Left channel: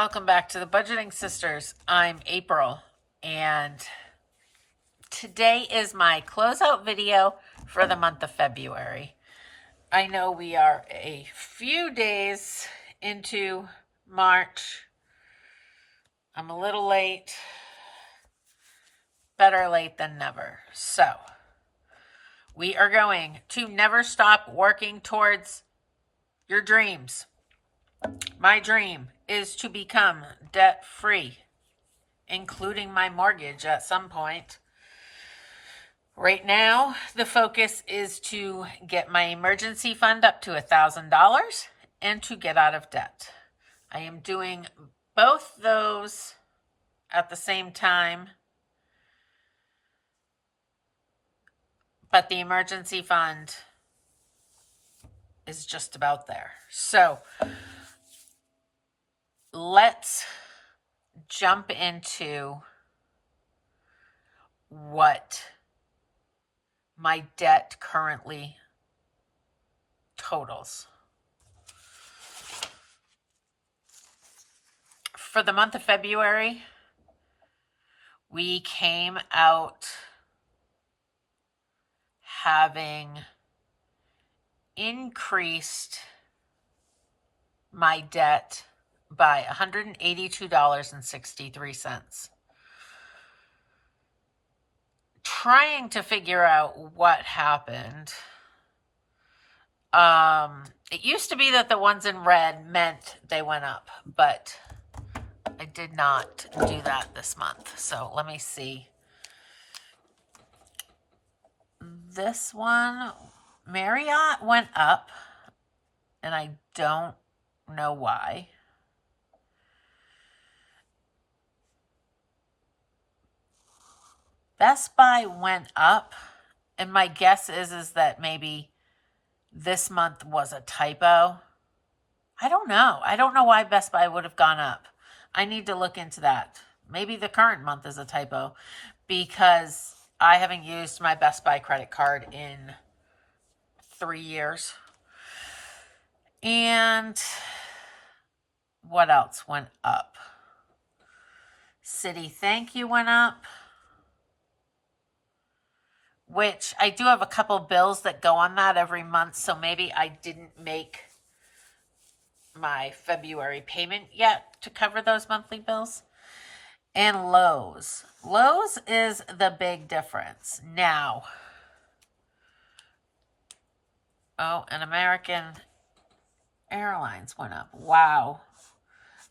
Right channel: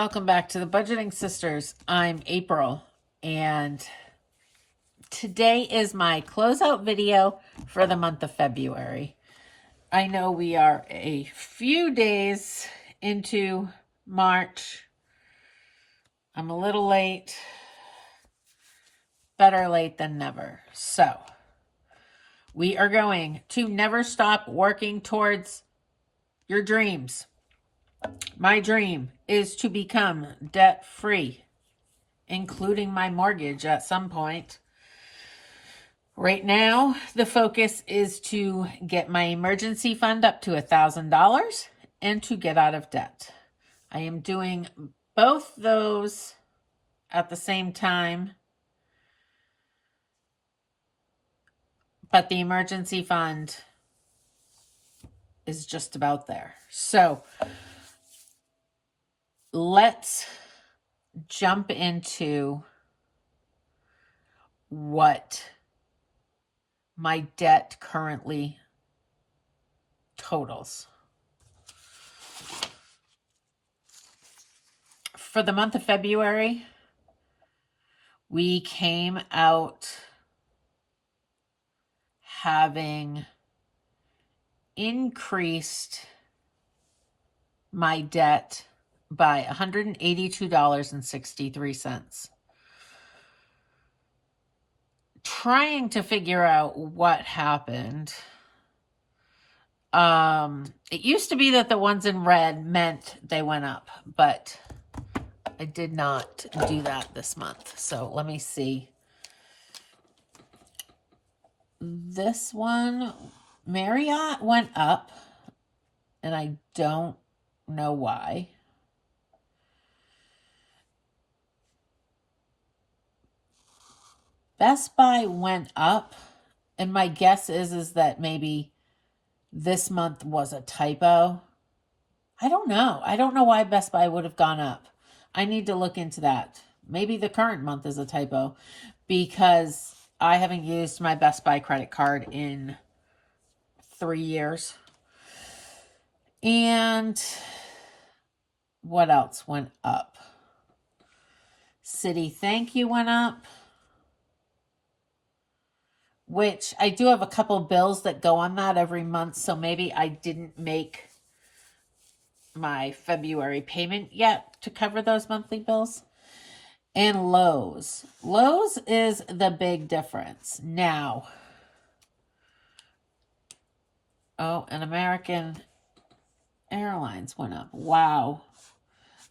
welcome back to the Budgeting Sisters. I'm April, and today is my closeout video for the month of February. I know we are a few days into March. I'm a little late. Better late than never. So, we are going to never stop working towards your dreams. My dream is to become debt-free, including my mortgage at some point. Right now, the focus is to get my emergency fund up to $1,000 and to get out of debt. I am doing both those at the same time, but the emergency fund is just about there. So, let's jump into what my debt currently totals. For the month of February, we came out having increased my debt by $182.63. Trying to figure out what happened. It used to be that the ones in red meant they went up, but I did not do that this month. So let me see. This one, Marriott, went up, and I don't know why. Best Buy went up, and my guess is that maybe this month was a typo. I don't know. I don't know why Best Buy would have gone up. I need to look into that. Maybe the current month is a typo because I haven't used my Best Buy credit card in 3 years. And what else went up? Citi Thank You went up, which I do have a couple bills that go on that every month, so maybe I didn't make my February payment yet to cover those monthly bills. And Lowe's. Lowe's is the big difference. Now, oh, and American Airlines went up. Wow.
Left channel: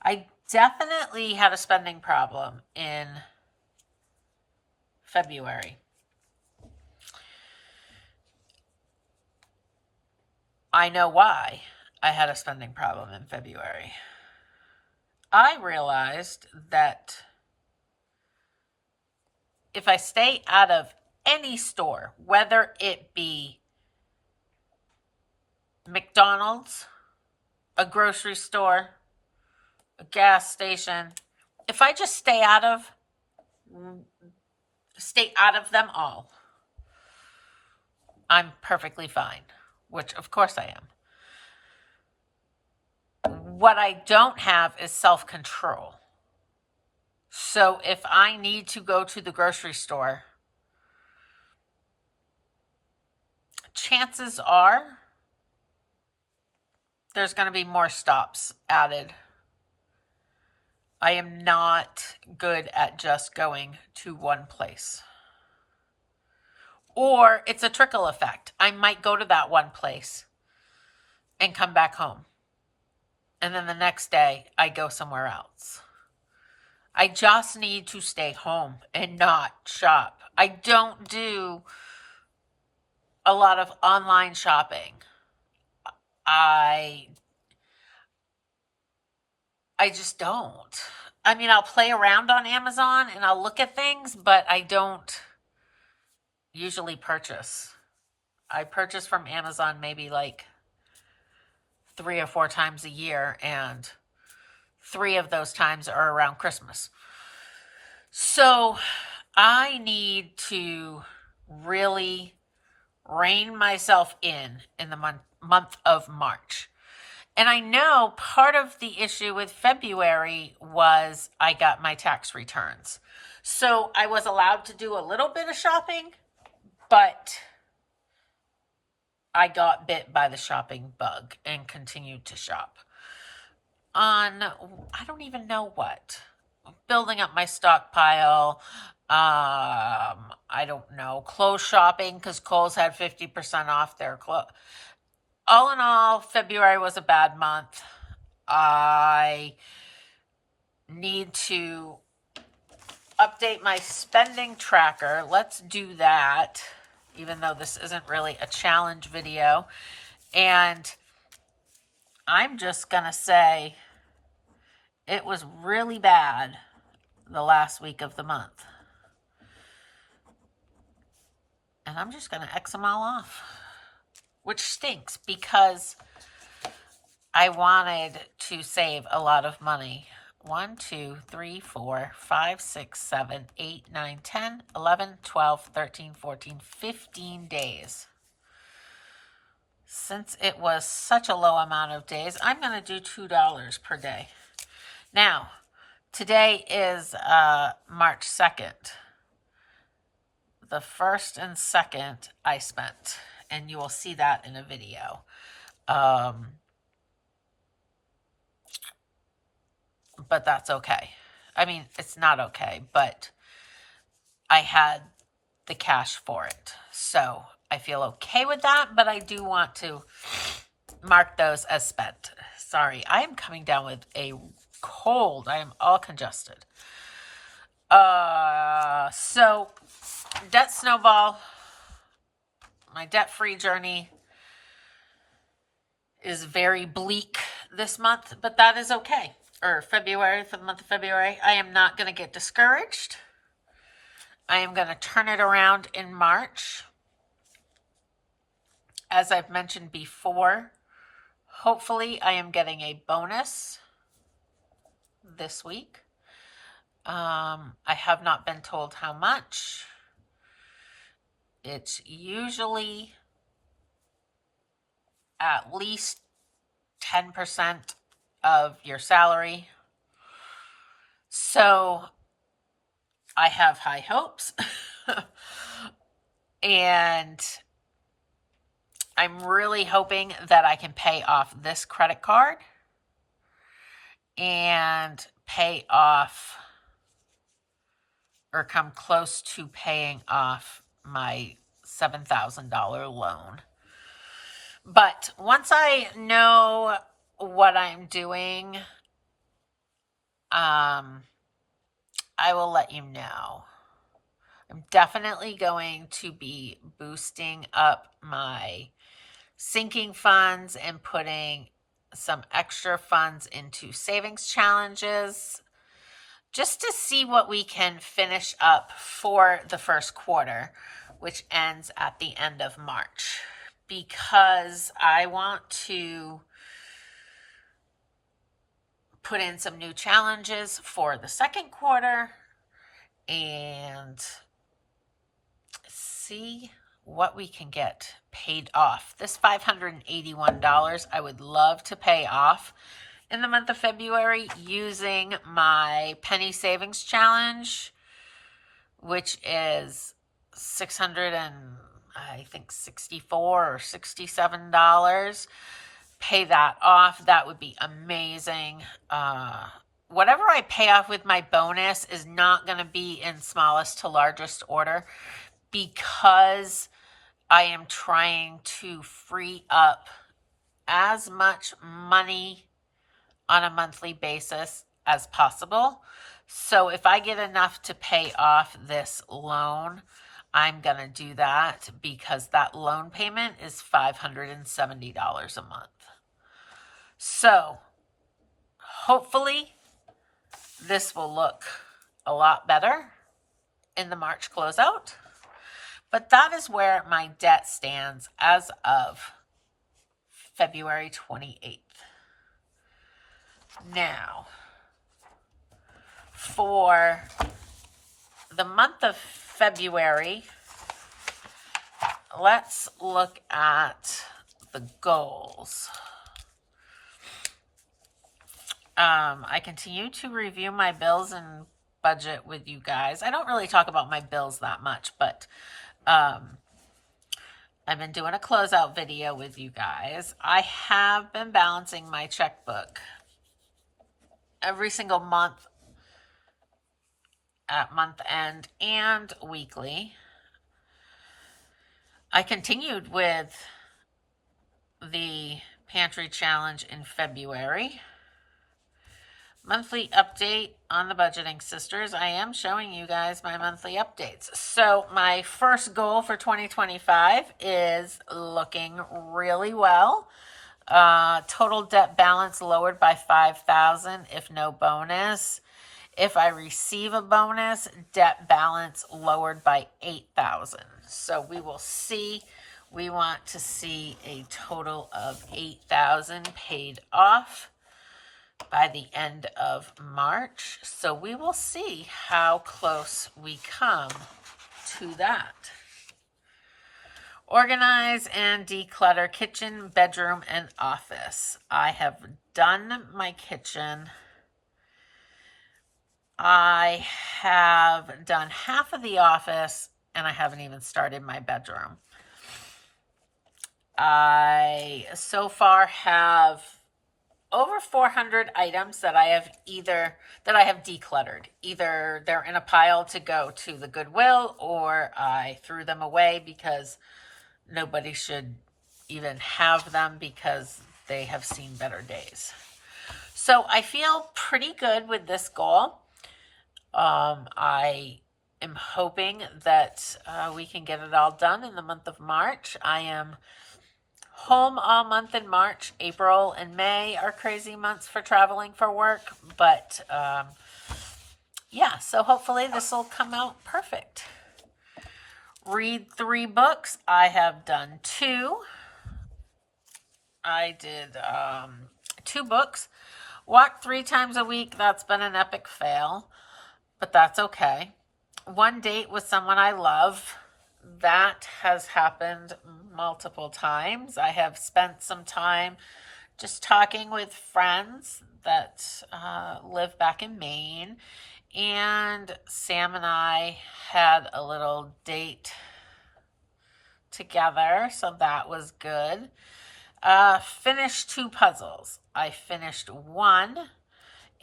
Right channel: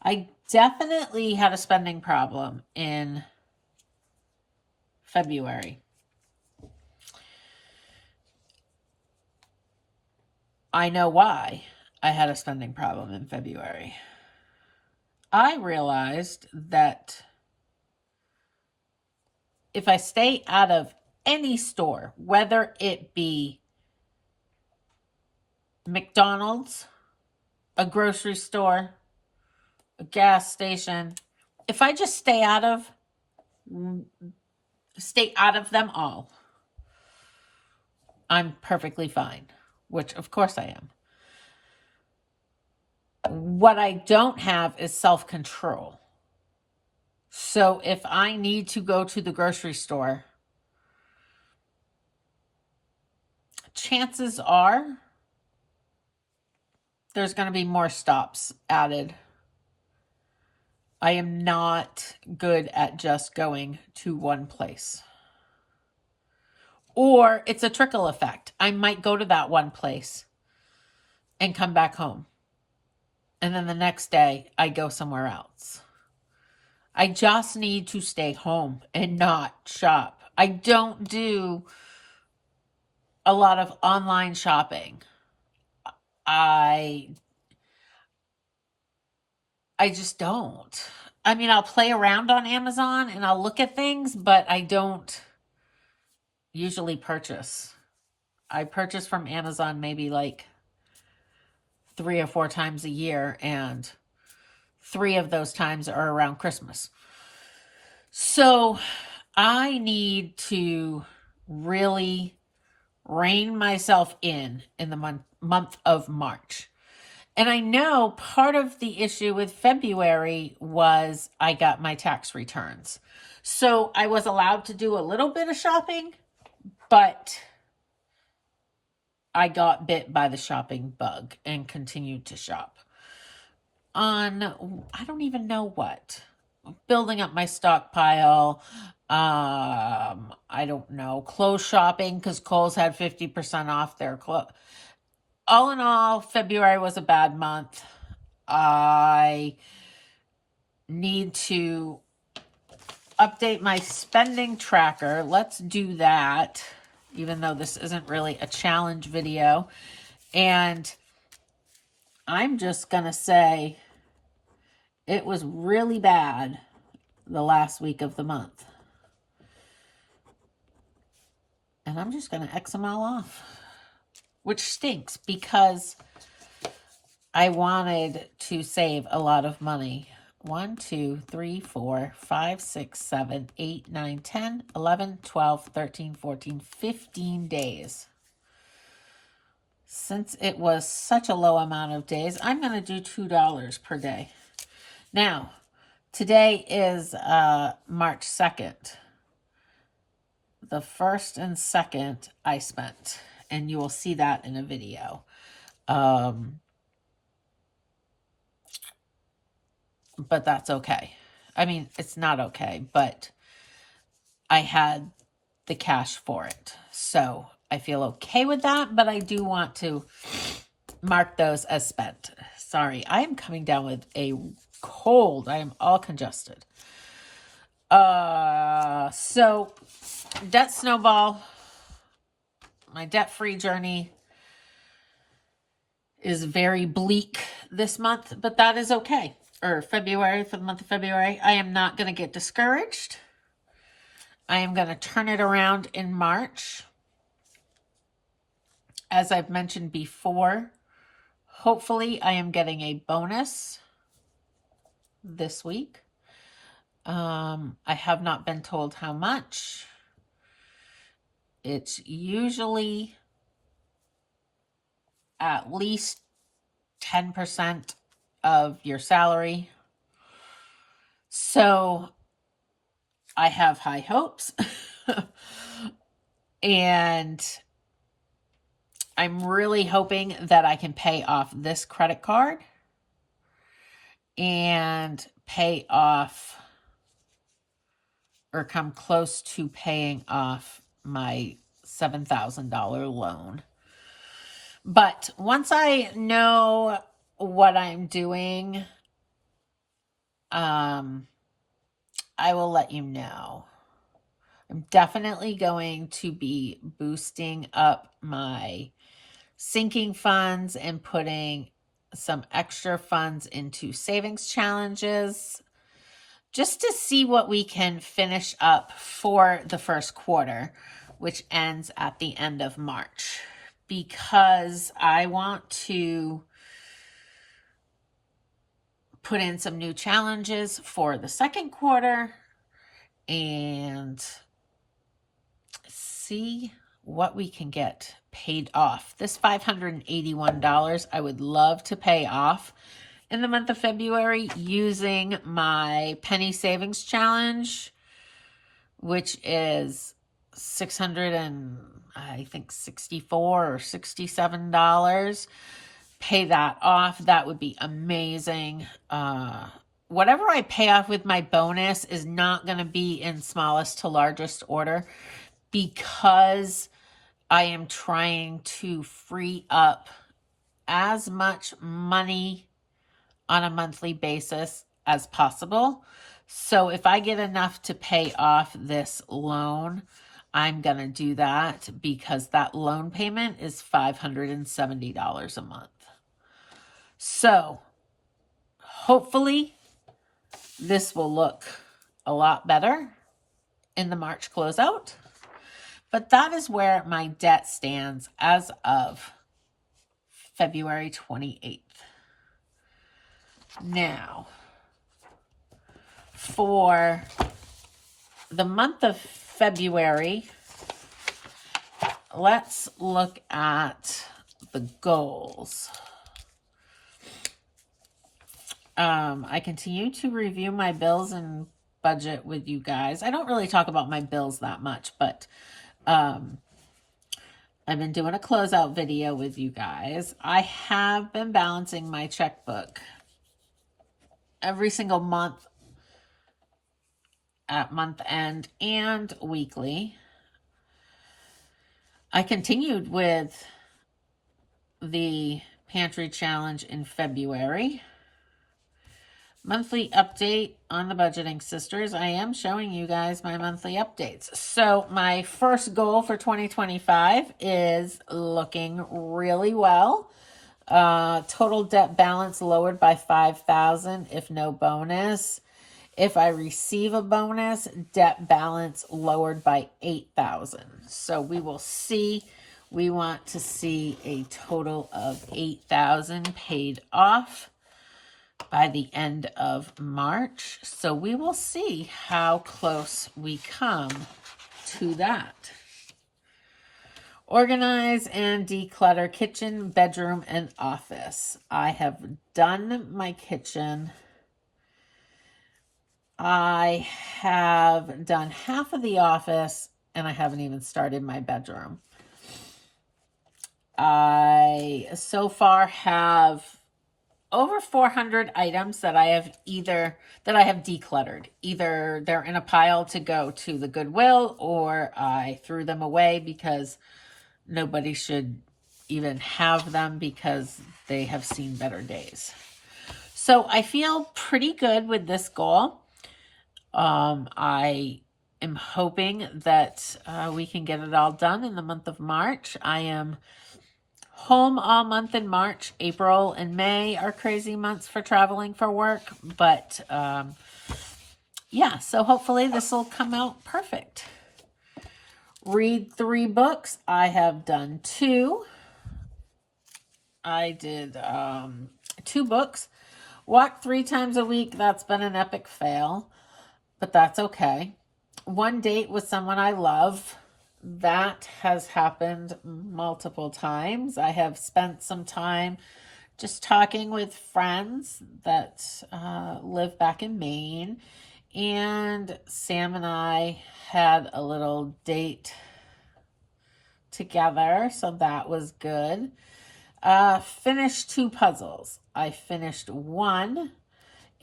I definitely had a spending problem in February. I know why I had a spending problem in February. I realized that if I stay out of any store, whether it be McDonald's, a grocery store, a gas station, if I just stay out of them all, I'm perfectly fine, which of course I am. What I don't have is self-control. So if I need to go to the grocery store, chances are there's going to be more stops added. I am not good at just going to one place. Or it's a trickle effect. I might go to that one place and come back home. And then the next day, I go somewhere else. I just need to stay home and not shop. I don't do a lot of online shopping. I just don't. I mean, I'll play around on Amazon and I'll look at things, but I don't usually purchase. I purchase from Amazon maybe like 3 or 4 times a year, and 3 of those times are around Christmas. So I need to really rein myself in the month of March And I know part of the issue with February was I got my tax returns. So I was allowed to do a little bit of shopping, but I got bit by the shopping bug and continued to shop on, I don't even know what, building up my stockpile. I don't know, clothes shopping, because Kohl's had 50% off their clothes. All in all, February was a bad month. I need to update my spending tracker. Let's do that, even though this isn't really a challenge video. And I'm just going to say it was really bad the last week of the month. And I'm just going to X them all off, which stinks because I wanted to save a lot of money. 1, 2, 3, 4, 5, 6, 7, 8, 9, 10, 11, 12, 13, 14, 15 days. Since it was such a low amount of days, I'm going to do $2 per day. Now, today is March 2nd. The 1st and 2nd I spent, and you will see that in a video. But that's okay. I mean, it's not okay, but I had the cash for it. So I feel okay with that, but I do want to mark those as spent. Sorry, I am coming down with a cold. I am all congested. So debt snowball, my debt-free journey is very bleak this month, but that is okay. Or February, for the month of February. I am not going to get discouraged. I am going to turn it around in March. As I've mentioned before, hopefully I am getting a bonus this week. I have not been told how much. It's usually at least 10% of your salary. So I have high hopes. And I'm really hoping that I can pay off this credit card and pay off or come close to paying off my $7,000 loan. But once I know what I'm doing, I will let you know. I'm definitely going to be boosting up my sinking funds and putting some extra funds into savings challenges just to see what we can finish up for the first quarter, which ends at the end of March, because I want to put in some new challenges for the second quarter and see what we can get paid off. This $581 I would love to pay off in the month of February using my penny savings challenge, which is $664 or $67. Pay that off. That would be amazing. Whatever I pay off with my bonus is not going to be in smallest to largest order, because I am trying to free up as much money on a monthly basis as possible. So if I get enough to pay off this loan, I'm going to do that, because that loan payment is $570 a month. So hopefully this will look a lot better in the March closeout. But that is where my debt stands as of February 28th. Now, for the month of February, let's look at the goals. I continue to review my bills and budget with you guys. I don't really talk about my bills that much, but I've been doing a closeout video with you guys. I have been balancing my checkbook every single month at month end and weekly. I continued with the pantry challenge in February. Monthly update on the Budgeting Sisters. I am showing you guys my monthly updates. So my first goal for 2025 is looking really well. Total debt balance lowered by $5,000 if no bonus. If I receive a bonus, debt balance lowered by $8,000. So we will see. We want to see a total of $8,000 paid off by the end of March. So we will see how close we come to that. Organize and declutter kitchen, bedroom, and office. I have done my kitchen. I have done half of the office, and I haven't even started my bedroom. I so far have over 400 items that I have decluttered. Either they're in a pile to go to the Goodwill, or I threw them away because nobody should even have them because they have seen better days. So I feel pretty good with this goal. I am hoping that we can get it all done in the month of March. I am home all month in March. April and May are crazy months for traveling for work, but yeah, so hopefully this will come out perfect. Read 3 books. I have done 2. I did 2 books. Walk 3 times a week. That's been an epic fail, but that's okay. 1 date with someone I love. That has happened multiple times. I have spent some time just talking with friends that live back in Maine. And Sam and I had a little date together, so that was good. Finished 2 puzzles. I finished 1,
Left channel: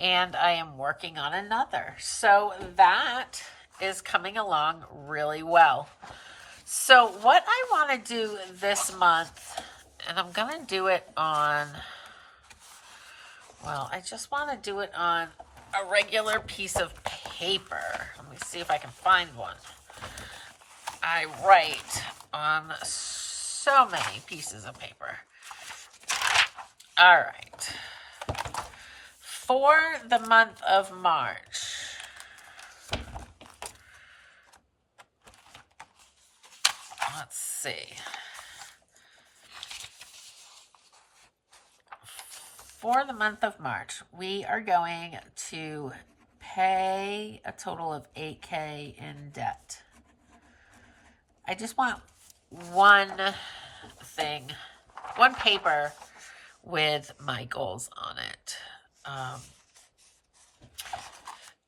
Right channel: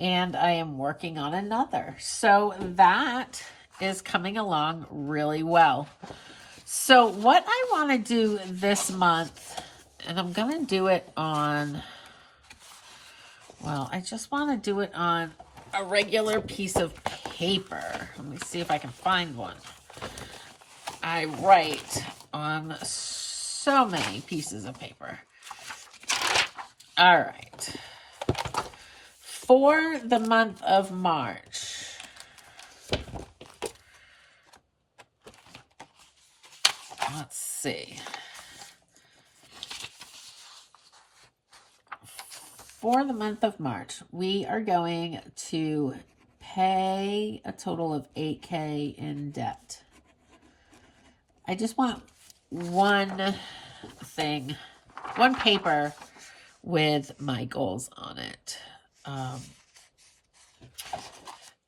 and I am working on another. So that is coming along really well. So what I want to do this month, and I'm going to do it on, well, I just want to do it on a regular piece of paper. Let me see if I can find one. I write on so many pieces of paper. All right. For the month of March, let's see. For the month of March, we are going to pay a total of $8,000 in debt. I just want one thing, one paper with my goals on it.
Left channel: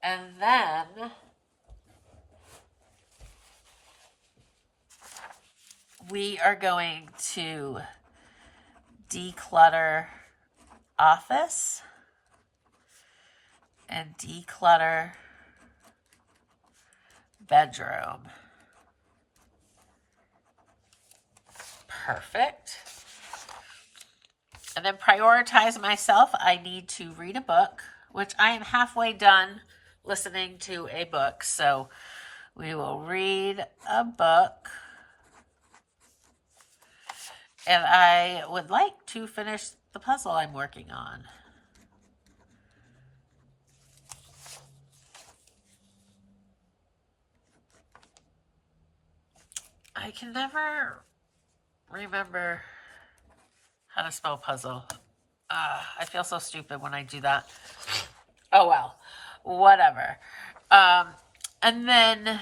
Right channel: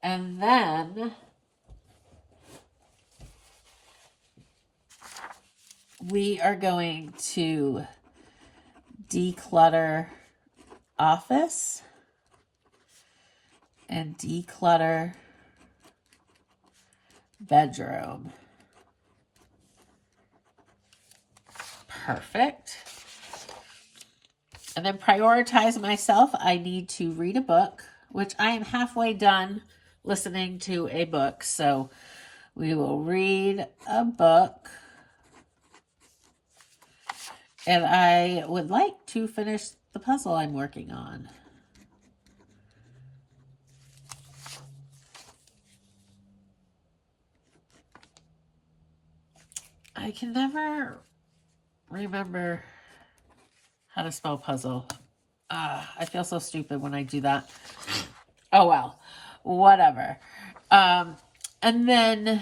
And then we are going to declutter office and declutter bedroom. Perfect. And then prioritize myself. I need to read a book, which I am halfway done listening to a book. So we will read a book. And I would like to finish the puzzle I'm working on. I can never remember how to spell puzzle. I feel so stupid when I do that. Oh, well, whatever. And then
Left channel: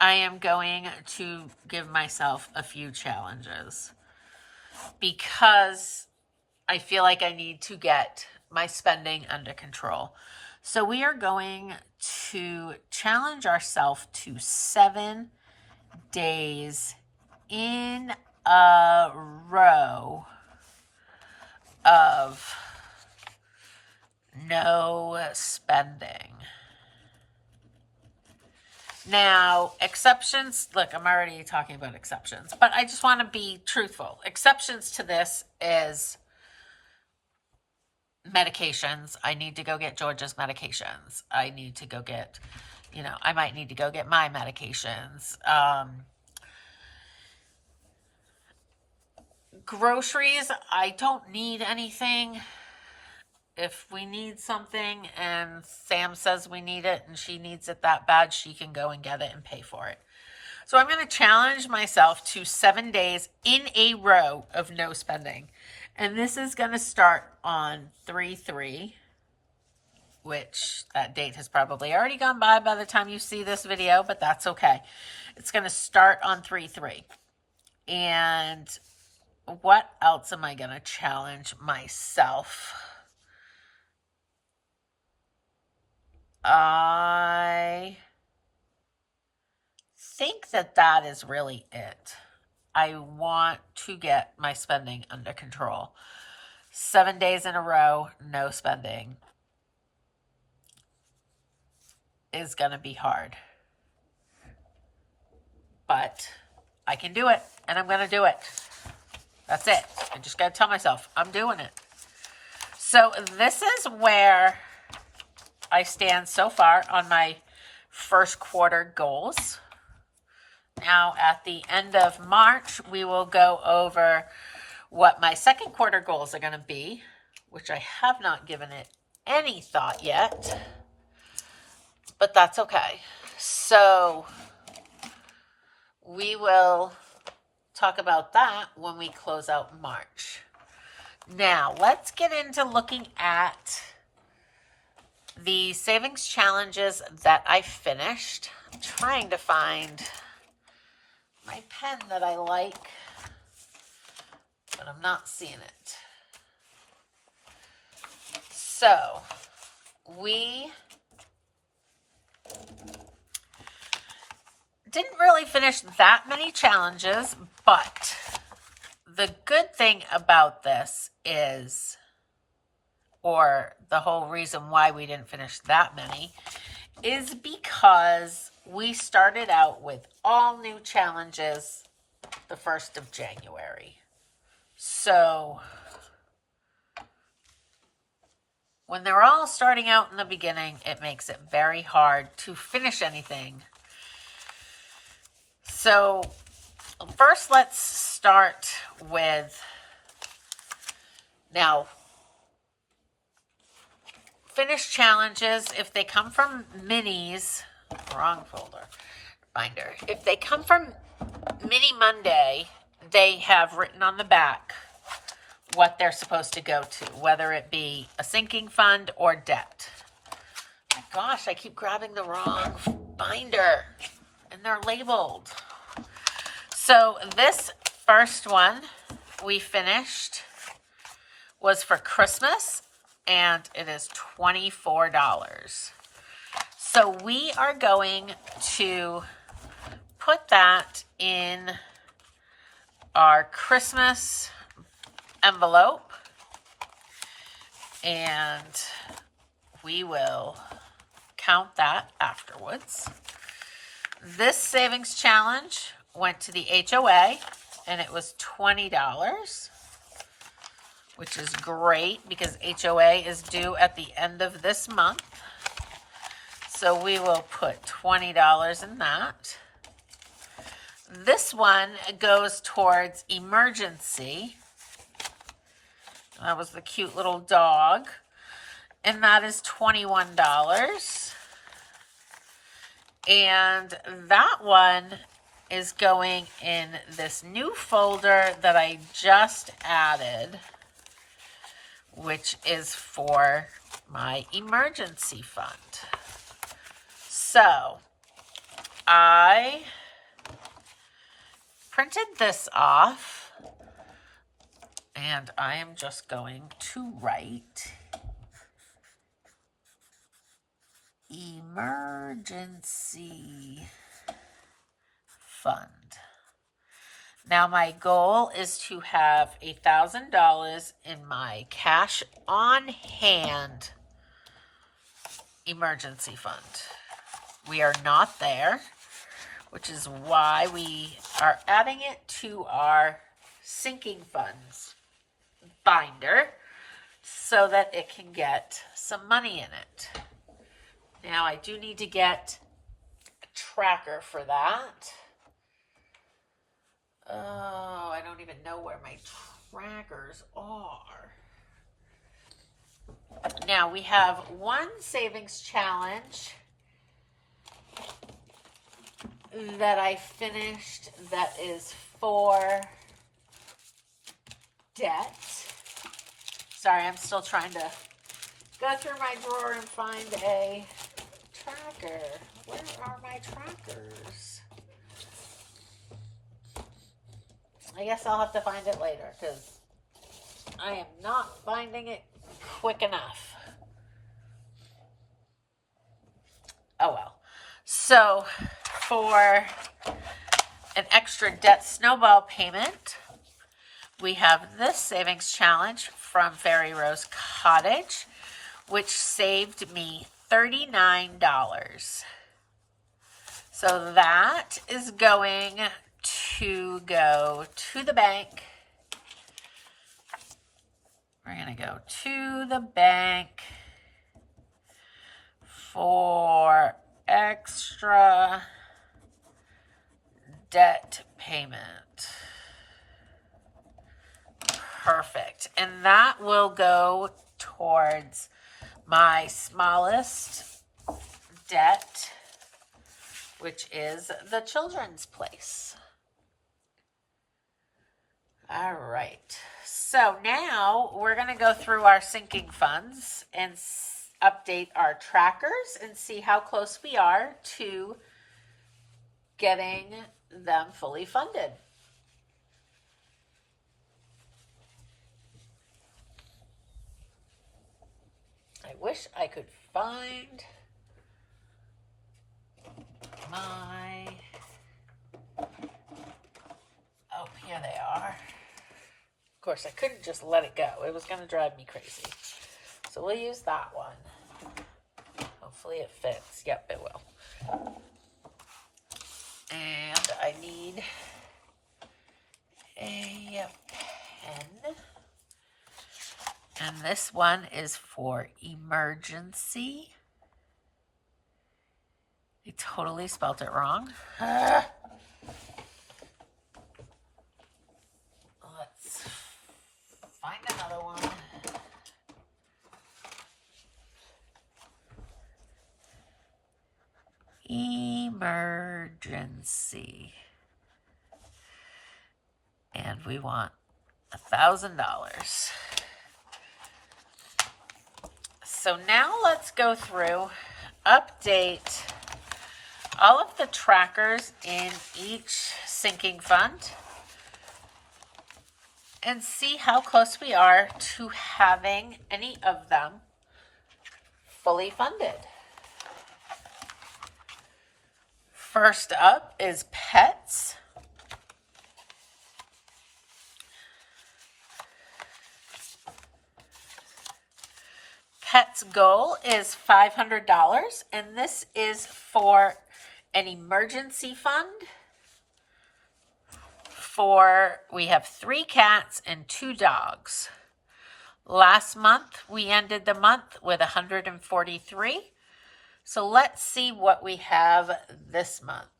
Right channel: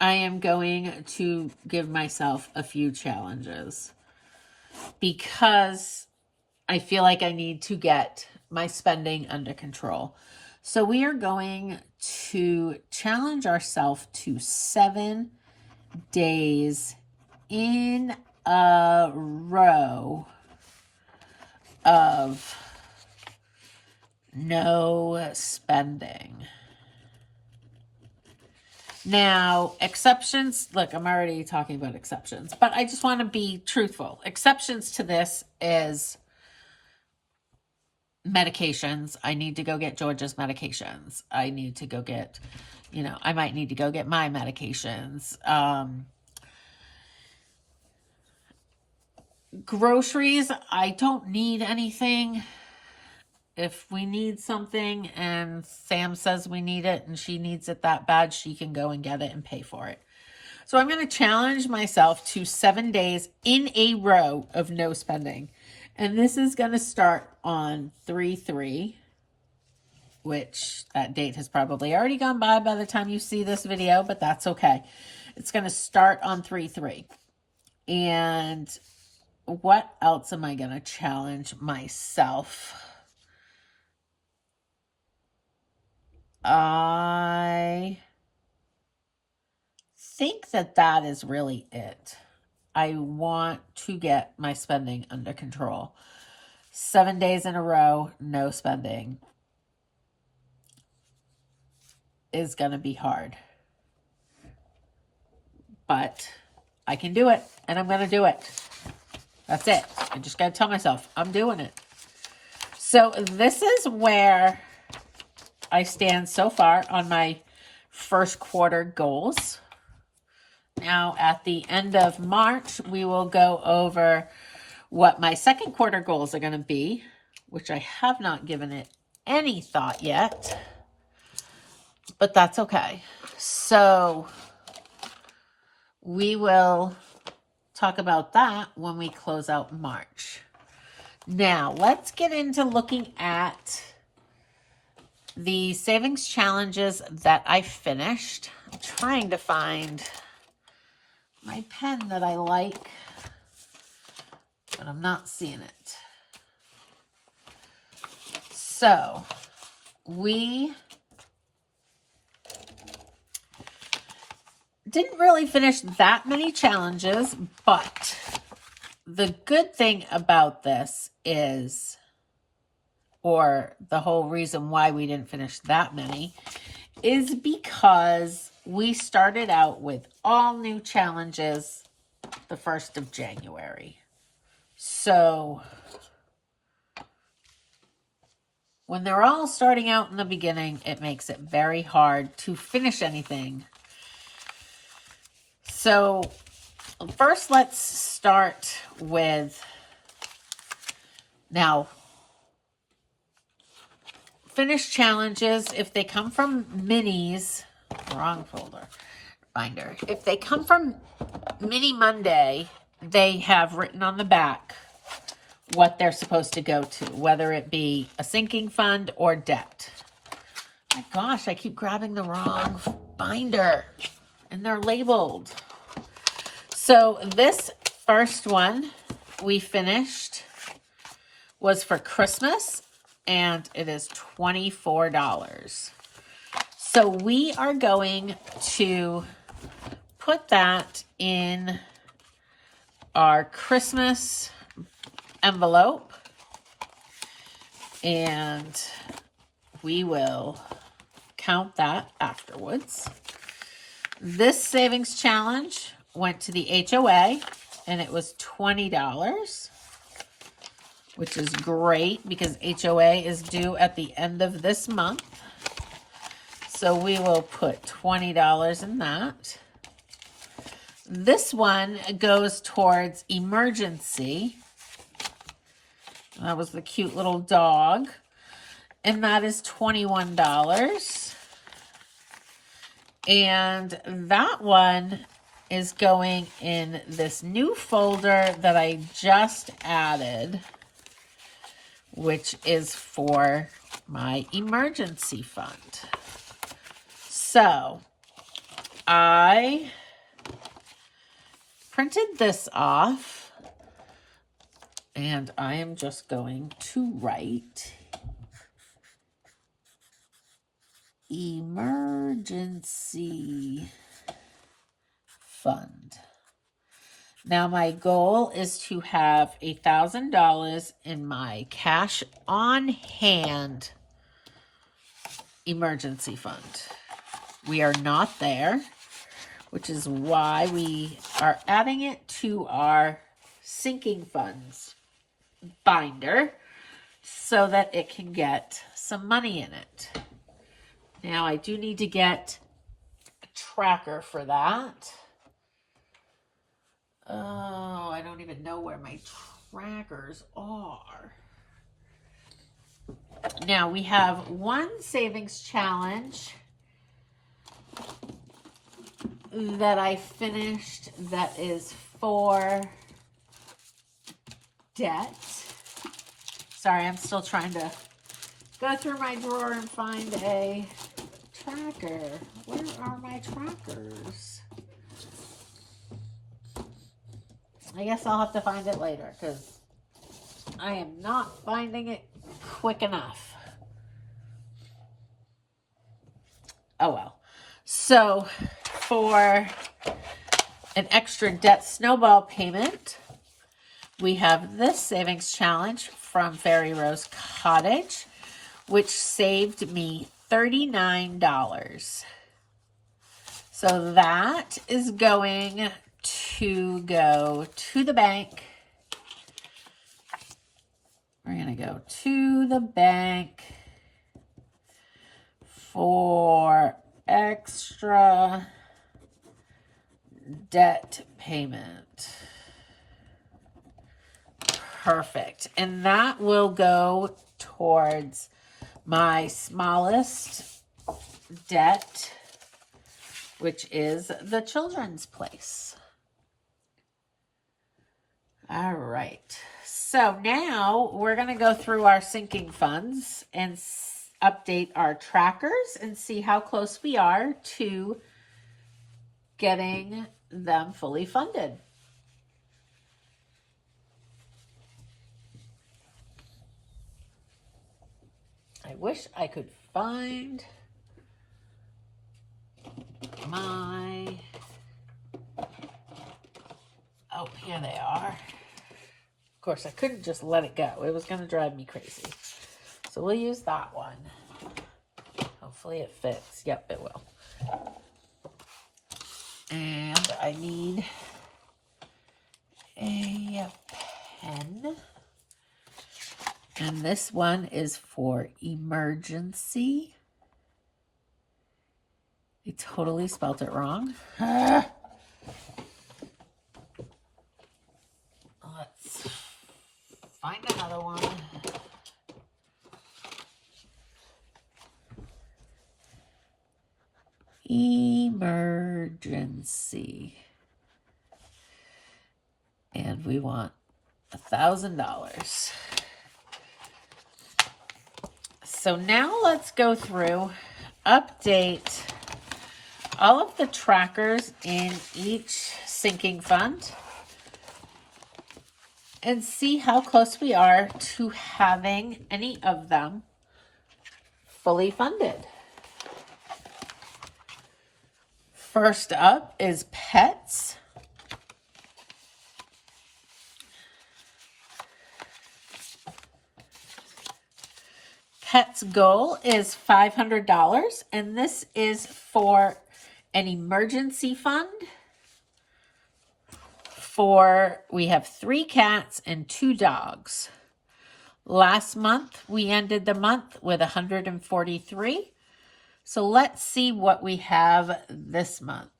I am going to give myself a few challenges because I feel like I need to get my spending under control. So we are going to challenge ourselves to 7 days in a row of no spending. Now, exceptions, look, I'm already talking about exceptions, but I just want to be truthful. Exceptions to this is medications. I need to go get George's medications. I need to go get, I might need to go get my medications. Groceries, I don't need anything. If we need something and Sam says we need it and she needs it that bad, she can go and get it and pay for it. So I'm going to challenge myself to 7 days in a row of no spending. And this is going to start on 3/3, which that date has probably already gone by the time you see this video, but that's okay. It's going to start on 3/3. And what else am I going to challenge myself? I think that is really it. I want to get my spending under control. 7 days in a row, no spending is going to be hard. But I can do it, and I'm going to do it. That's it. I just got to tell myself, I'm doing it. So this is where I stand so far on my first quarter goals. Now, at the end of March, we will go over what my second quarter goals are going to be, which I have not given it any thought yet, but that's okay. So we will talk about that when we close out March. Now, let's get into looking at the savings challenges that I finished. I'm trying to find my pen that I like, but I'm not seeing it. So, we didn't really finish that many challenges, but the good thing about this is, or the whole reason why we didn't finish that many, is because we started out with all new challenges the 1st of January. So when they're all starting out in the beginning, it makes it very hard to finish anything. So first, let's start with, now, finish challenges, if they come from minis, wrong folder, binder. If they come from Mini Monday, they have written on the back what they're supposed to go to, whether it be a sinking fund or debt. My gosh, I keep grabbing the wrong binder, and they're labeled. So this first one we finished was for Christmas, and it is $24. So we are going to put that in our Christmas envelope, and we will count that afterwards. This savings challenge went to the HOA, and it was $20, which is great because HOA is due at the end of this month. So we will put $20 in that. This one goes towards emergency. That was the cute little dog. And that is $21. And that one is going in this new folder that I just added, which is for my emergency fund. So I printed this off, and I am just going to write emergency fund. Now my goal is to have $1,000 in my cash on hand emergency fund. We are not there, which is why we are adding it to our sinking funds binder so that it can get some money in it. Now I do need to get a tracker for that. Oh, I don't even know where my trackers are. Now we have one savings challenge that I finished that is for debt. Sorry, I'm still trying to go through my drawer and find a tracker. Where are my trackers? I guess I'll have to find it later because I am not finding it quick enough. Oh well. So for an extra debt snowball payment, we have this savings challenge from Fairy Rose Cottage, which saved me $39. So that is going to go to the bank. We're going to go to the bank for extra debt payment. Perfect. And that will go towards my smallest debt, which is the children's place. All right. So now we're going to go through our sinking funds and update our trackers and see how close we are to getting them fully funded. I wish I could find my, oh, here they are. Of course, I couldn't just let it go. It was going to drive me crazy. So we'll use that one. Hopefully it fits. Yep, it will. And I need a pen. And this one is for emergency. I totally spelt it wrong. Let's find another one. Emergency. And we want $1,000. So now let's go through, update all of the trackers in each sinking fund and see how close we are to having any of them fully funded. First up is pets. Pet's goal is $500, and this is for an emergency fund. We have 3 cats and 2 dogs. Last month, we ended the month with 143. So let's see what we have this month.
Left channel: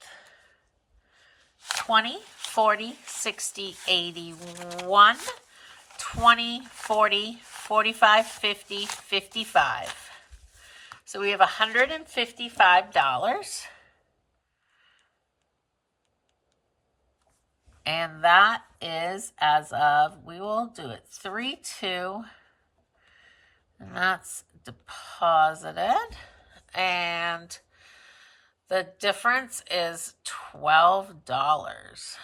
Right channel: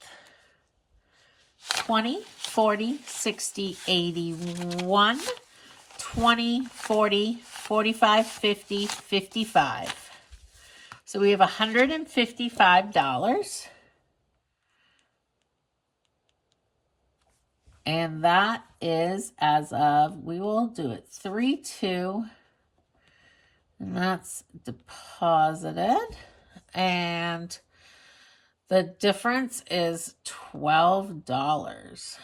20, 40, 60, 81, 20, 40, 45, 50, 55. So we have $155. And that is as of, we will do it 3/2. And that's deposited. And the difference is $12.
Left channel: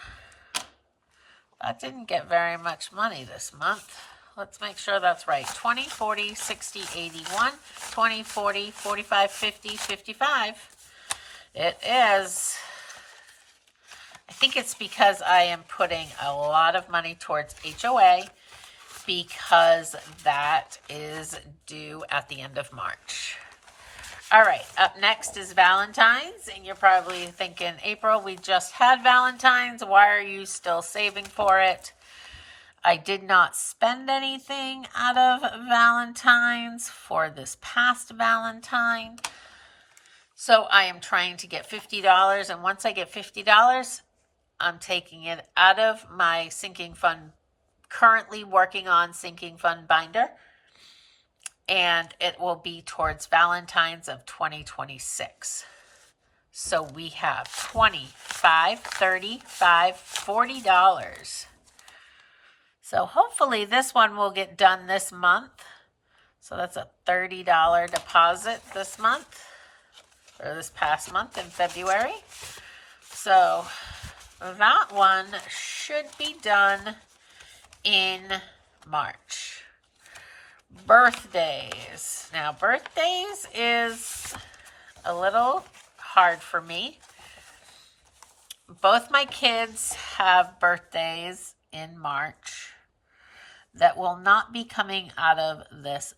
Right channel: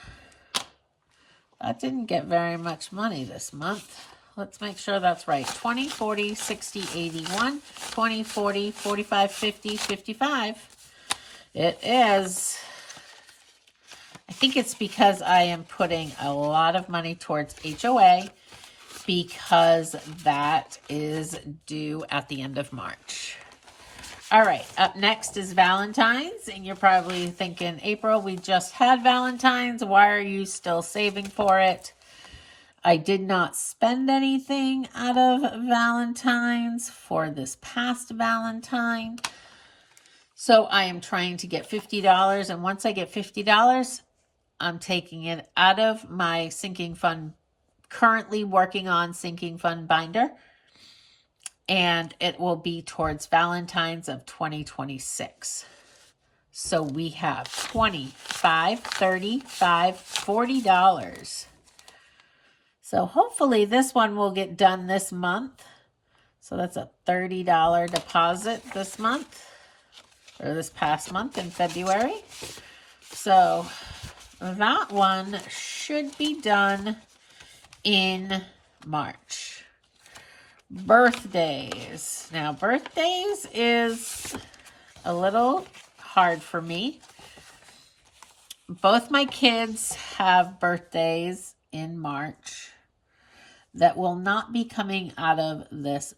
That didn't get very much money this month. let's make sure that's right. 20, 40, 60, 81, 20, 40, 45, 50, 55. It is. I think it's because I am putting a lot of money towards HOA because that is due at the end of March. All right, up next is Valentine's, and you're probably thinking, April, we just had Valentine's. Why are you still saving for it? I did not spend anything out of Valentine's for this past Valentine. So I am trying to get $50, and once I get $50, I'm taking it out of my sinking fund, currently working on sinking fund binder, and it will be towards Valentine's of 2026. So we have $25, $35, $40. So hopefully this one will get done this month. So that's a $30 deposit this month, or this past month in February. So that one should be done in March. Birthdays. Now, birthdays is a little hard for me. Both my kids have birthdays in March that will not be coming out of this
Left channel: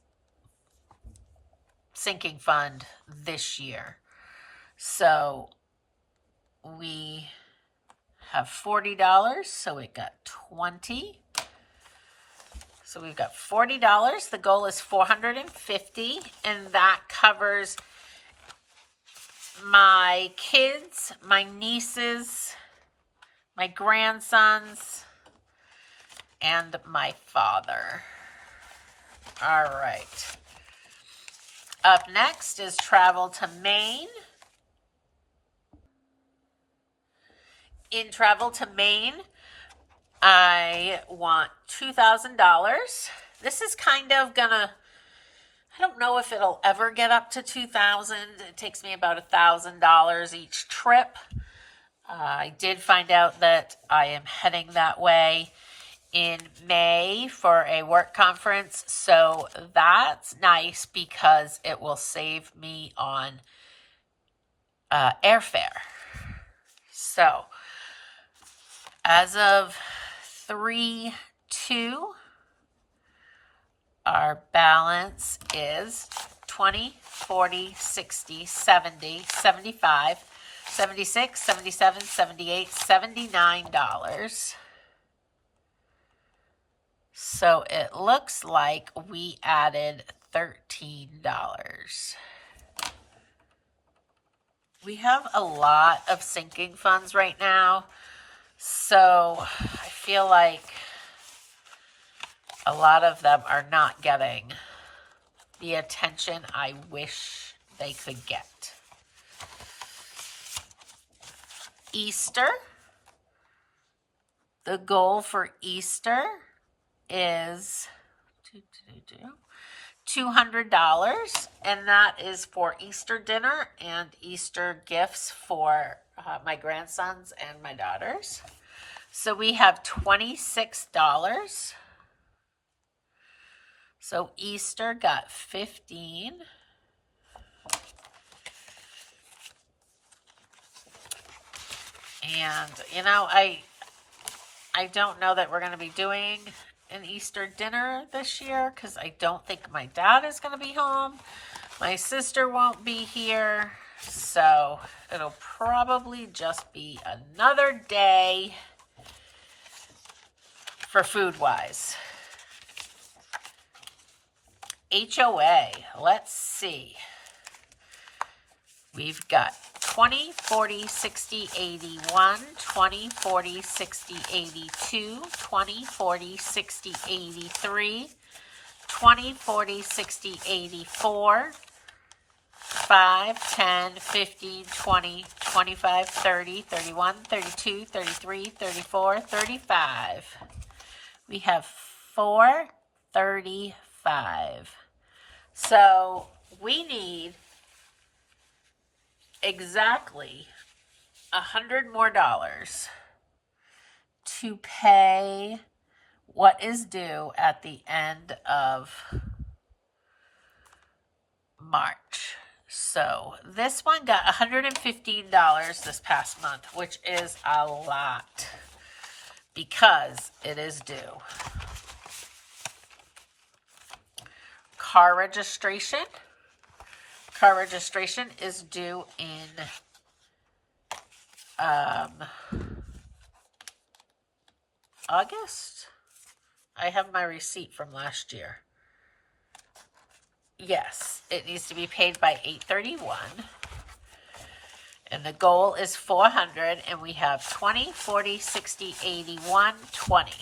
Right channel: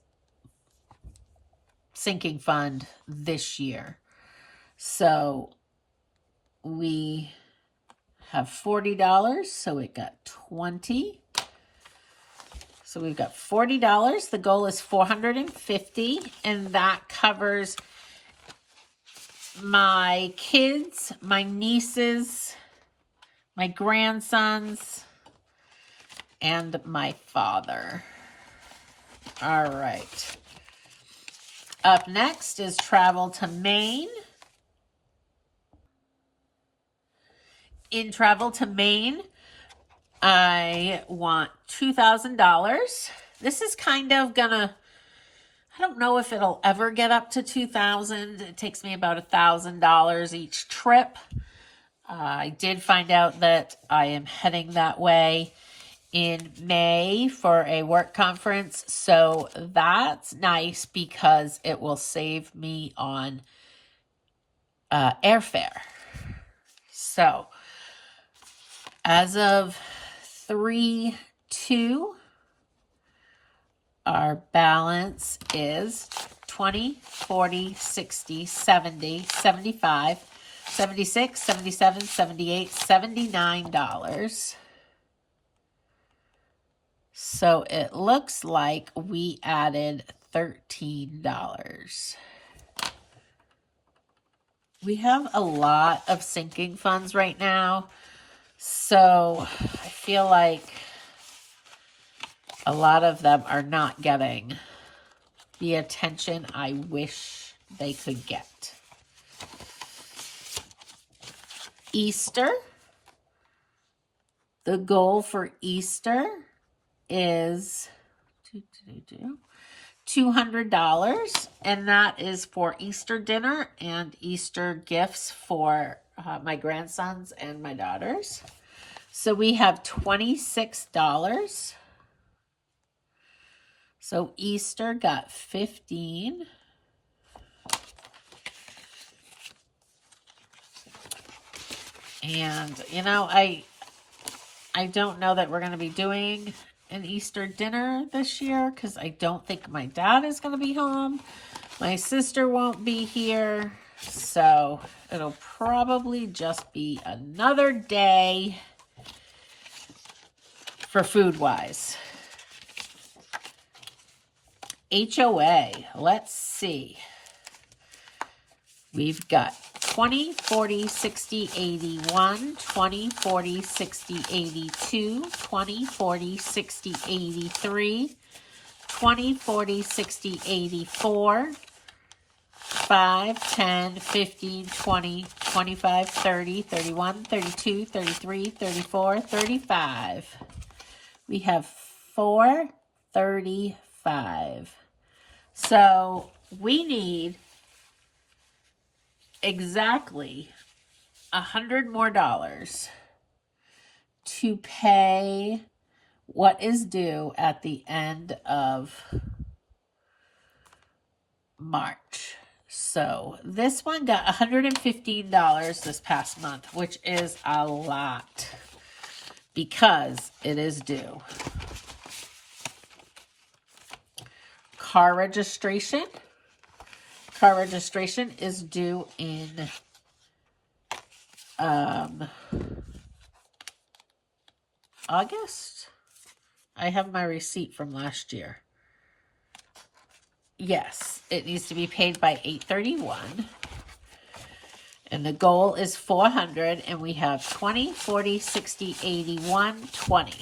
sinking fund this year. So we have $40, so it got 20. So we've got $40. The goal is $450, and that covers my kids, my nieces, my grandsons, and my father. All right. Up next is travel to Maine. In travel to Maine, I want $2,000. This is kind of gonna, I don't know if it'll ever get up to $2,000. It takes me about $1,000 each trip. I did find out that I am heading that way in May for a work conference. So that's nice because it will save me on airfare. So as of 3/2, our balance is 20, 40, 60, 70, 75, 76, 77, 78, $79. So it looks like we added $13. We have a lot of sinking funds right now. So I feel like a lot of them are not getting the attention I wish they could get. Easter. The goal for Easter is $200, and that is for Easter dinner and Easter gifts for my grandsons and my daughters. So we have $26. So Easter got 15. And you know, I don't know that we're going to be doing an Easter dinner this year because I don't think my dad is going to be home. My sister won't be here. So it'll probably just be another day for food-wise. HOA, let's see. We've got 20, 40, 60, 81, 20, 40, 60, 82, 20, 40, 60, 83, 20, 40, 60, 84, 5, 10, 15, 20, 25, 30, 31, 32, 33, 34, 35. We have 435. So we need exactly $100 more to pay what is due at the end of March. So this one got $115 this past month, which is a lot because it is due. Car registration. Car registration is due in August. I have my receipt from last year. Yes, it needs to be paid by 8/31. And the goal is 400, and we have 20, 40, 60, 81, 20.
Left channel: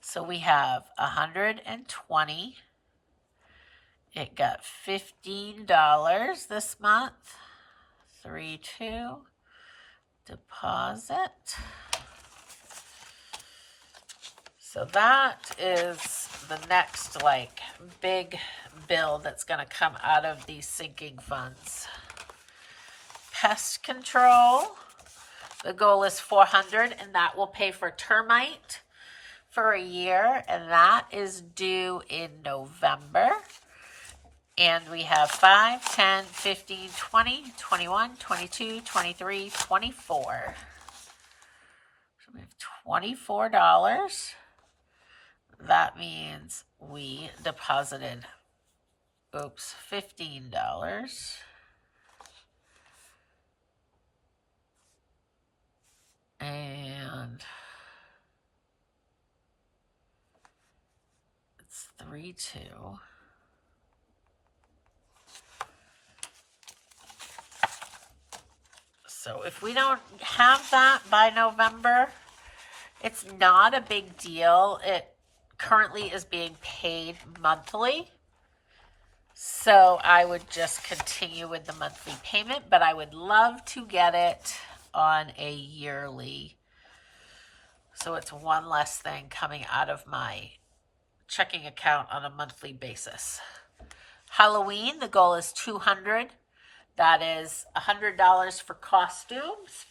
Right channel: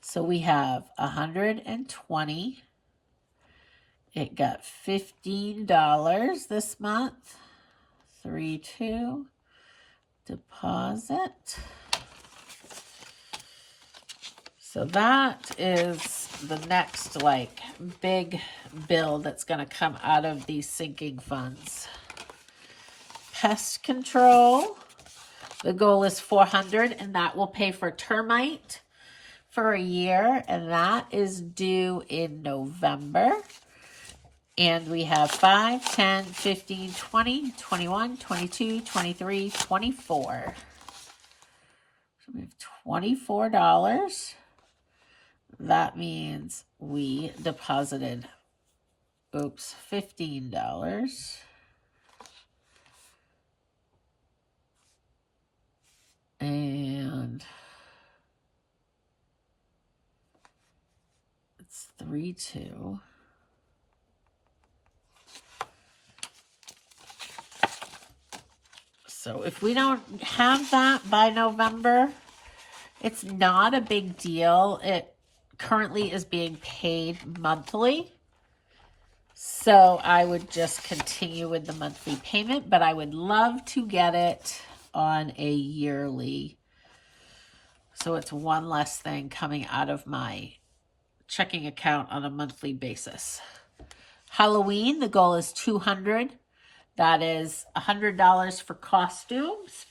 So we have 120. It got $15 this month. 3/2 deposit. So that is the next like big bill that's going to come out of these sinking funds. Pest control. The goal is 400, and that will pay for termite for a year, and that is due in November. And we have 5, 10, 15, 20, 21, 22, 23, 24. So we have $24. That means we deposited, $15. And it's 3/2. So if we don't have that by November, it's not a big deal. It currently is being paid monthly. So I would just continue with the monthly payment, but I would love to get it on a yearly. So it's one less thing coming out of my checking account on a monthly basis. Halloween, the goal is 200. That is $100 for costumes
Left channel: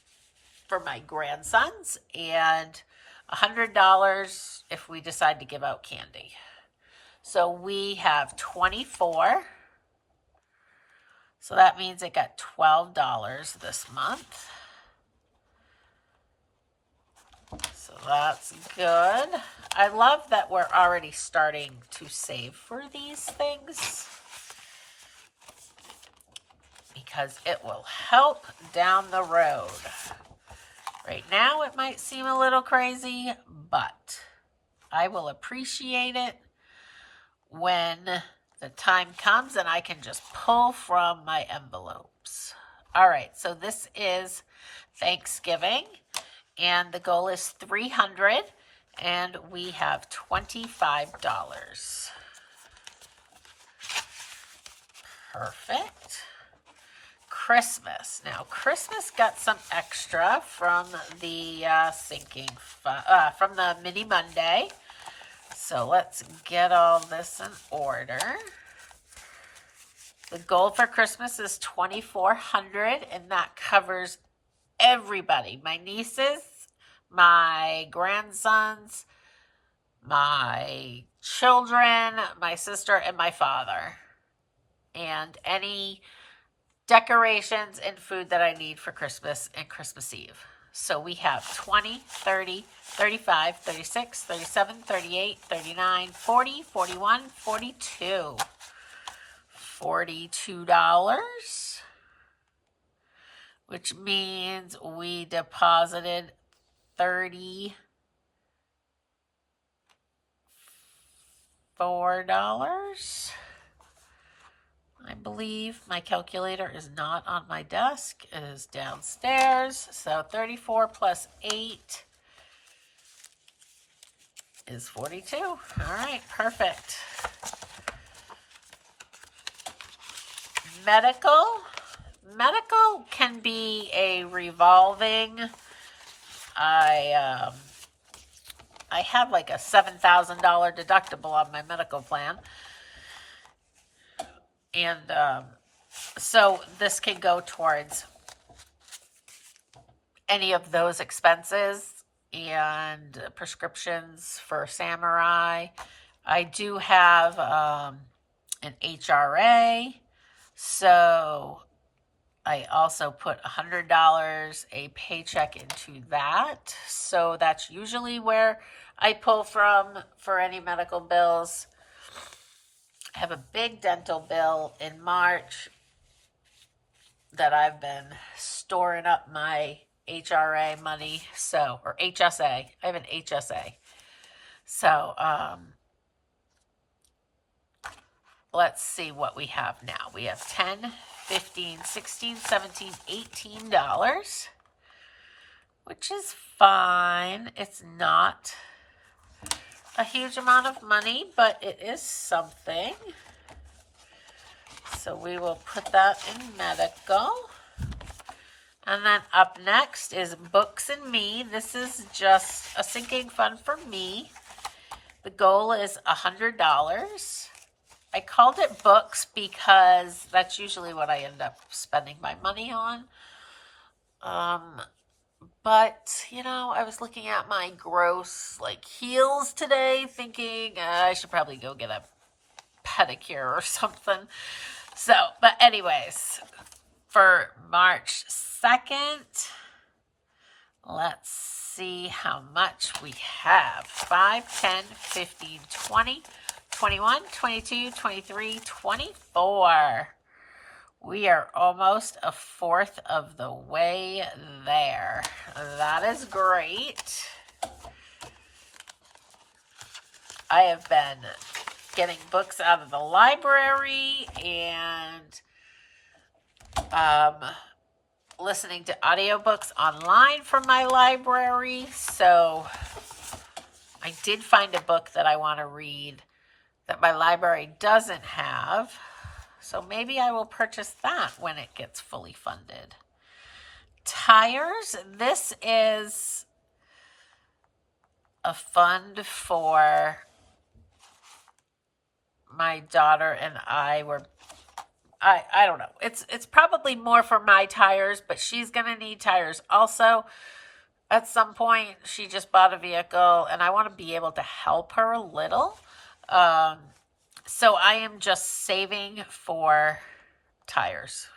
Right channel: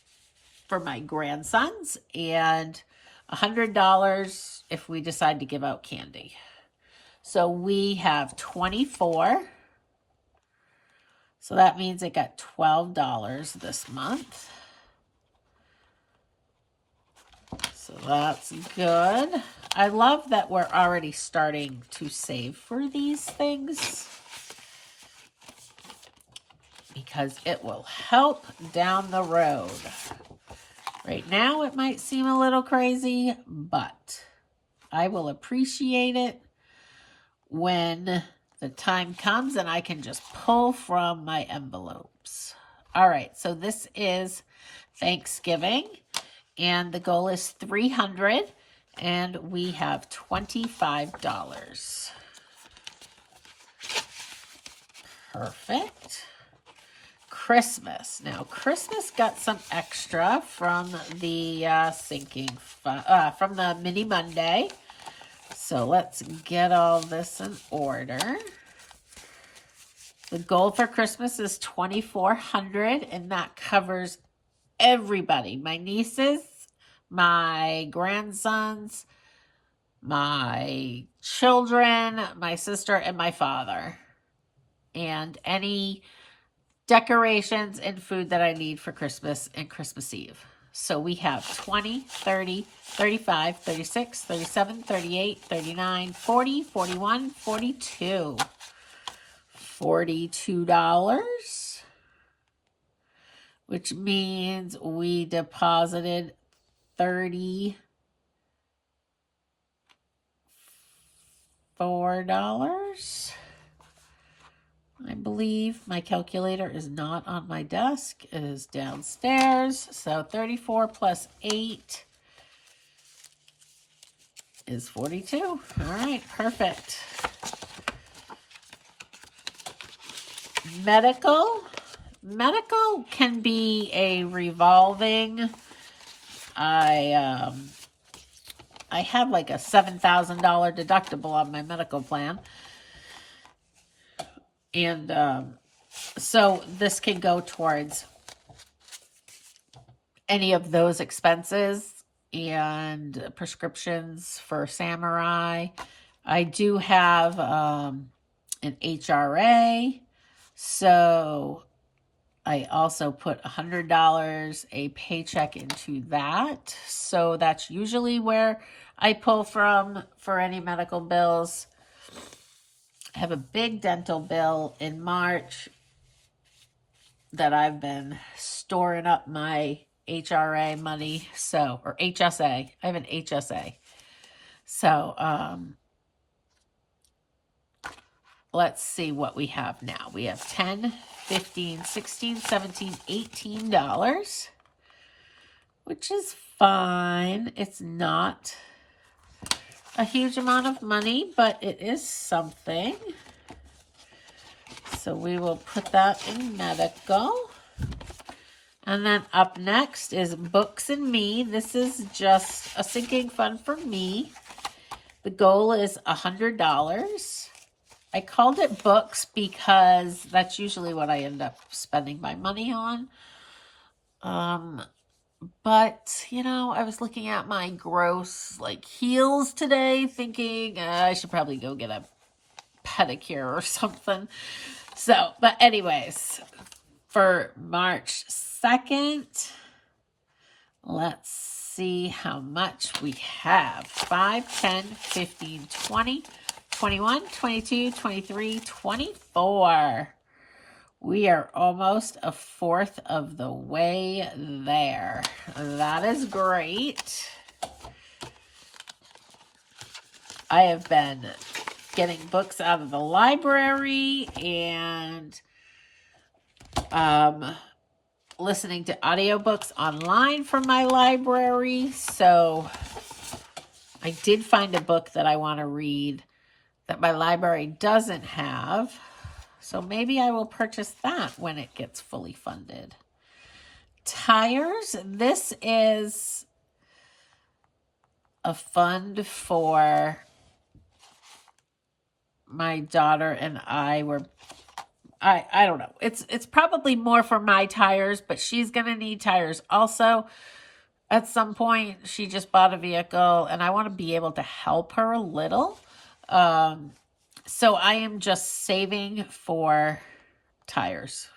for my grandsons and $100 if we decide to give out candy. So we have 24. So that means it got $12 this month. So that's good. I love that we're already starting to save for these things, because it will help down the road. Right now, it might seem a little crazy, but I will appreciate it when the time comes and I can just pull from my envelopes. All right, so this is Thanksgiving, and the goal is 300, and we have $25. Perfect. Christmas. Now, Christmas got some extra from the from the Mini Monday. So let's get all this in order. The goal for Christmas is $2,400, and that covers everybody. My nieces, my grandsons, my children, my sister, and my father. And any decorations and food that I need for Christmas and Christmas Eve. So we have 20, 30, 35, 36, 37, 38, 39, 40, 41, 42. $42, which means we deposited $34. I believe my calculator is not on my desk. It is downstairs. So 34 plus 8 is 42. All right, perfect. Medical. Medical can be a revolving. I have like a $7,000 deductible on my medical plan. And so this can go towards any of those expenses. and prescriptions for Samurai. I do have an HRA, so I also put $100 a paycheck into that. So that's usually where I pull from for any medical bills. I have a big dental bill in March that I've been storing up my HRA money, so, or HSA. I have an HSA. So, let's see what we have now. We have $10, $15, $16, $17, $18, which is fine. It's not a huge amount of money, but it is something. So we will put that in medical. And then up next is Books and Me. This is just a sinking fund for me. The goal is $100. I called it books because that's usually what I end up spending my money on. But, you know, I was looking at my gross, like, heels today, thinking I should probably go get a pedicure or something. So, but anyways, for March 2nd, let's see how much we have. 5, 10, 15, 20, 21, 22, 23, 24. We are almost a fourth of the way there. That is great. I have been getting books out of the library and listening to audiobooks online from my library. So I did find a book that I want to read that my library doesn't have. So maybe I will purchase that when it gets fully funded. Tires. This is a fund for my daughter and I don't know. It's probably more for my tires, but she's going to need tires also. At some point, she just bought a vehicle and I want to be able to help her a little. So I am just saving for tires.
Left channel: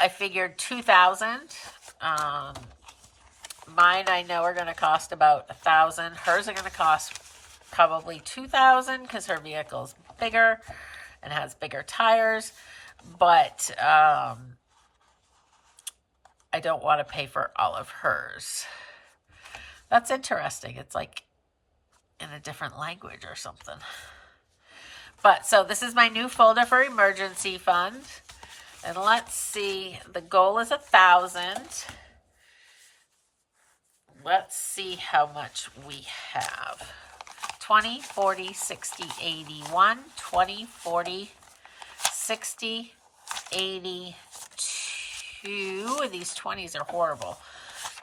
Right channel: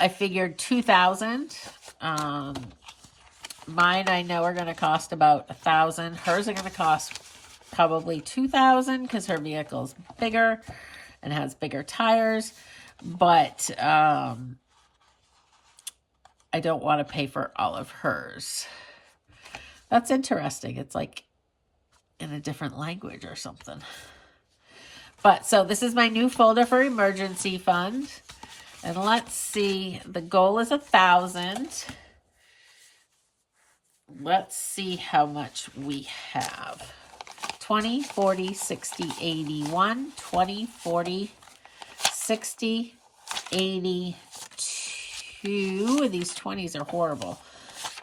I figured $2,000. Mine I know are going to cost about $1,000. Hers are going to cost probably $2,000 because her vehicle's bigger and has bigger tires. But I don't want to pay for all of hers. That's interesting. It's like in a different language or something. But so this is my new folder for emergency fund. And let's see, the goal is 1,000. Let's see how much we have. 20, 40, 60, 81, 20, 40, 60, 82. These 20s are horrible.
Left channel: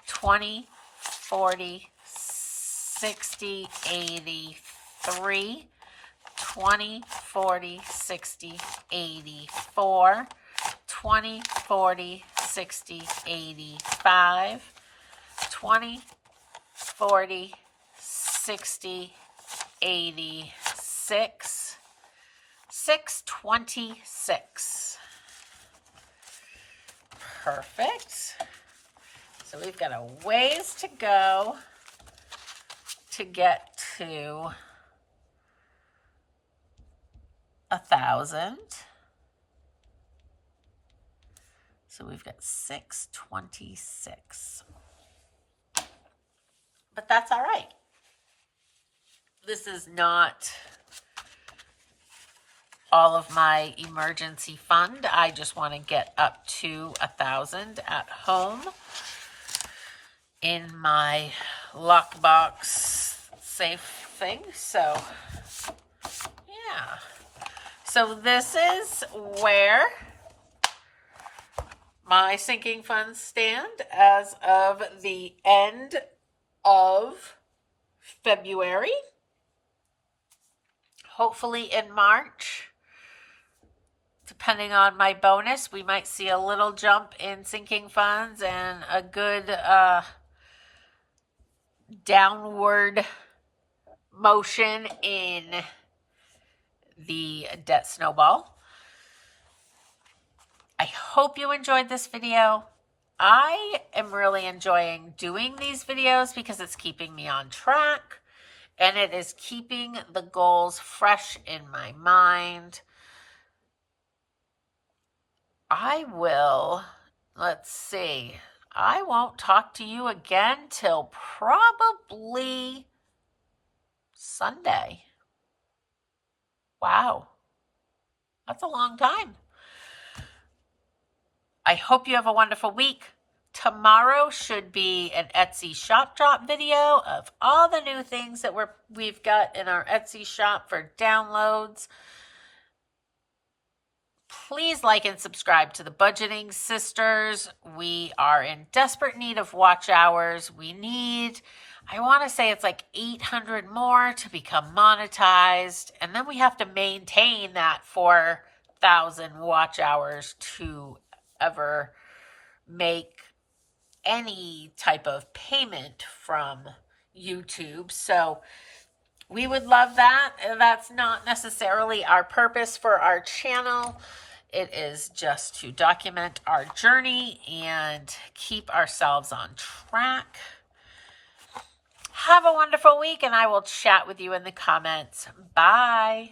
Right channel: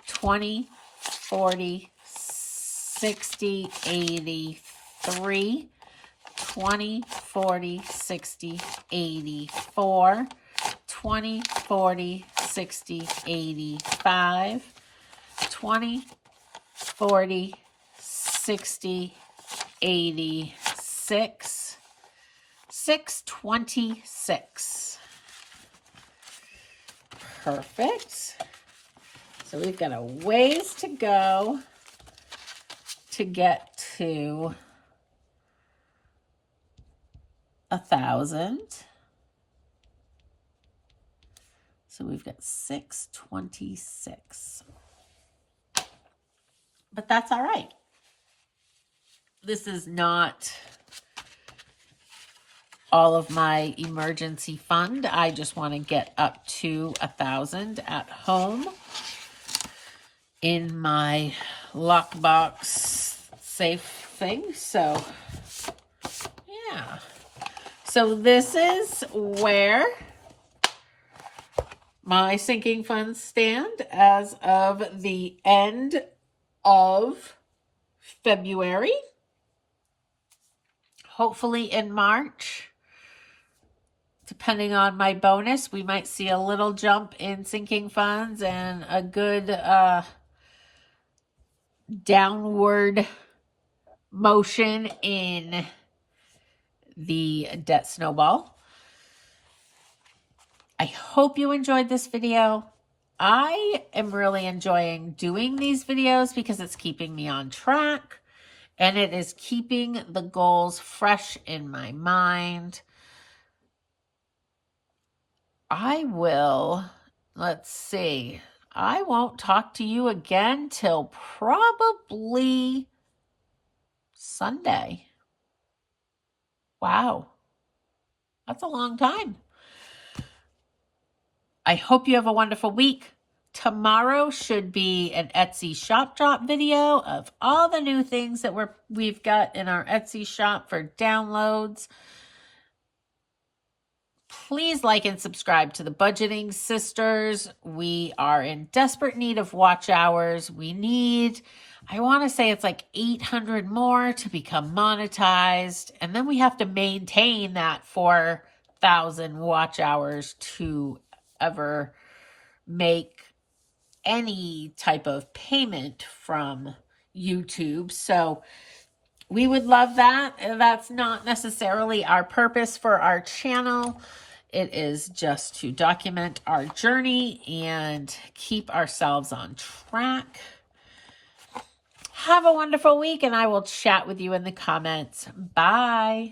20, 40, 60, 83, 20, 40, 60, 84, 20, 40, 60, 85, 20, 40, 60, 86, 626. Perfect. So we've got a ways to go to get to 1,000. So we've got 626. But that's all right. This is not all of my emergency fund. I just want to get up to 1,000 at home in my lockbox safe thing. So yeah. So this is where my sinking funds stand as of the end of February. Hopefully in March, depending on my bonus, we might see a little jump in sinking funds and a good downward motion in the debt snowball. I hope you enjoyed this video. I am really enjoying doing these videos because it's keeping me on track and it is keeping the goals fresh in my mind. I won't talk to you again till probably Sunday. Wow. That's a long time. I hope you have a wonderful week. Tomorrow should be an Etsy shop drop video of all the new things that we've got in our Etsy shop for downloads. Please like and subscribe to the Budgeting Sisters. We are in desperate need of watch hours. We need, I want to say it's like 800 more to become monetized. And then we have to maintain that 4,000 watch hours to ever make any type of payment from YouTube. So we would love that. That's not necessarily our purpose for our channel. It is just to document our journey and keep ourselves on track. Have a wonderful week, and I will chat with you in the comments. Bye.